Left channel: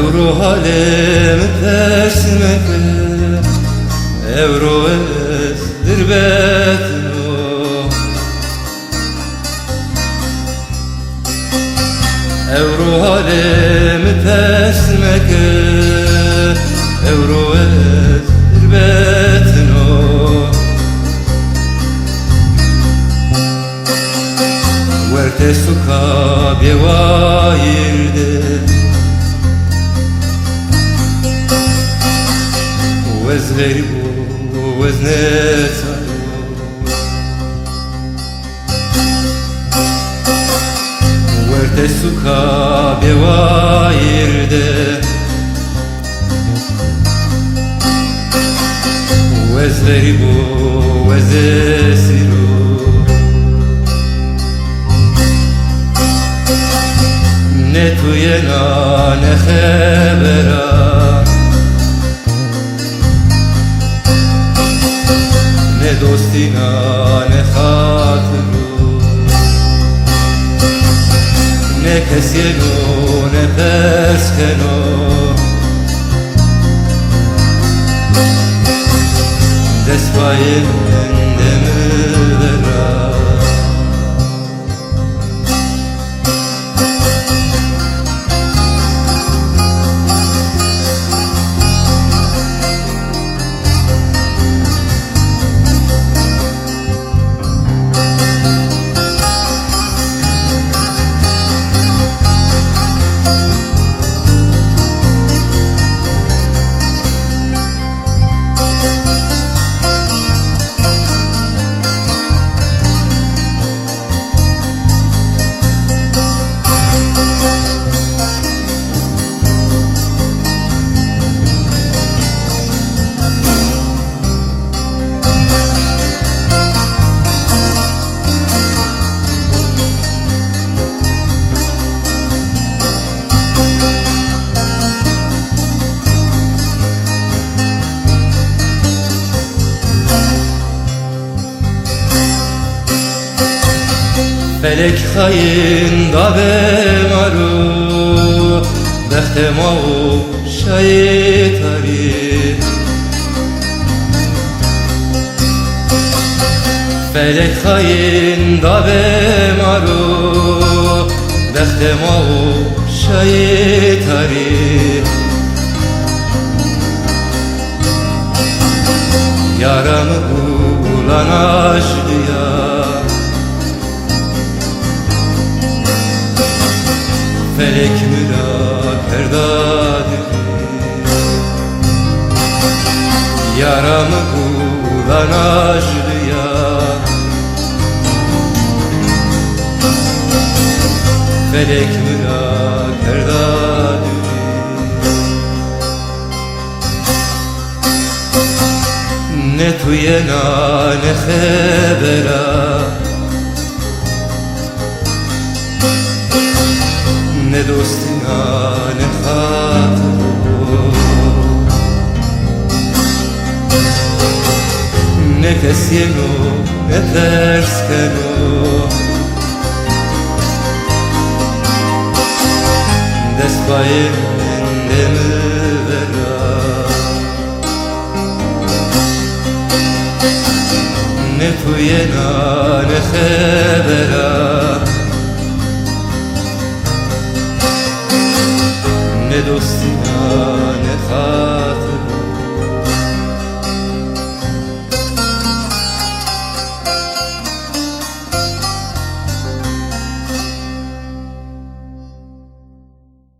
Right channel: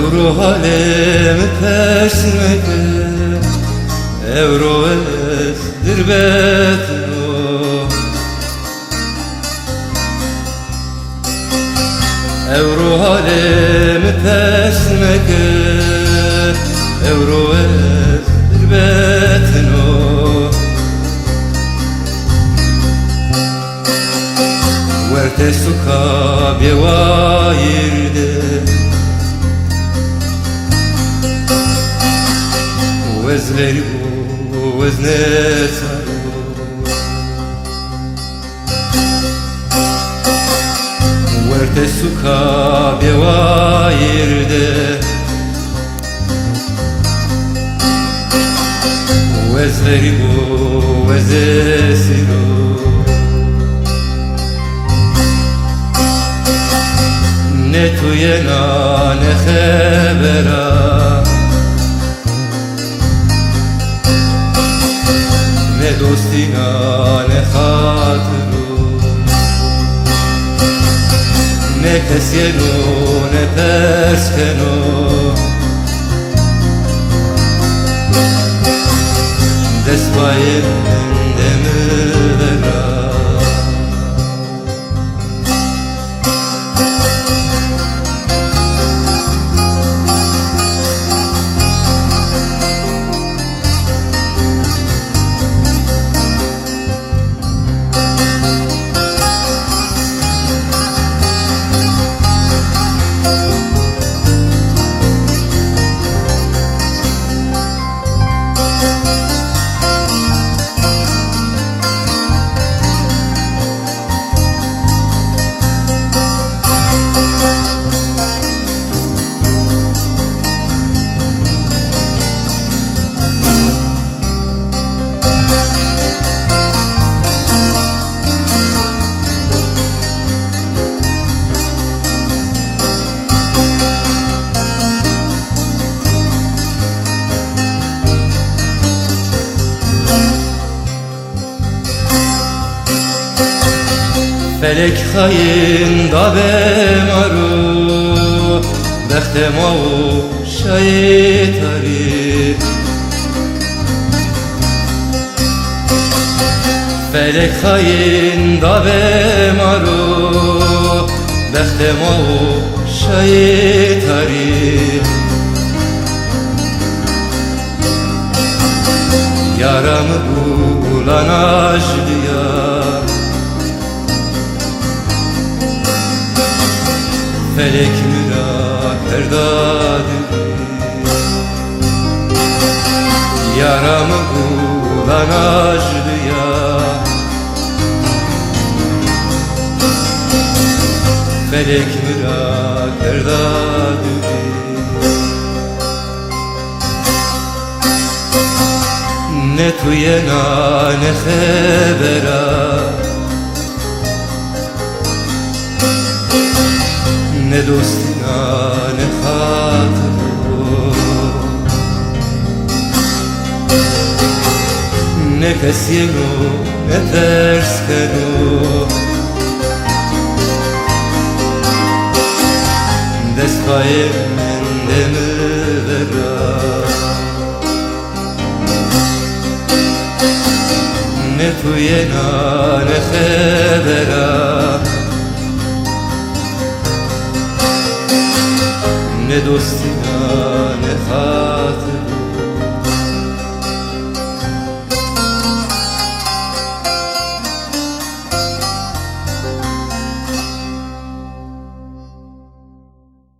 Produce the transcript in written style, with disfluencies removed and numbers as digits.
روح halim tersine Evro ezdir betno Evro halim tersine Evro ezdir betno Verte suka bjevajirde وزنتها وارتسوكا بوايرده وزسيرو نتو ينا نخبرا Ne dostina ne hatırı Ne keskeno ne terskeno Despayem demirvera Felek hain da bemaru Behtemo şeytari Felek hain da bemaru Behtemo şeytari Yaramı bulan aşlıya Felek mürak erdadır Yaramı bulan aşlıya Felek mürak erdadır Ne tuyena ne khebera Ne dostina ne hatırı Ne keskeno ne terskeno Despayem demirvera Ne tuyena ne khebera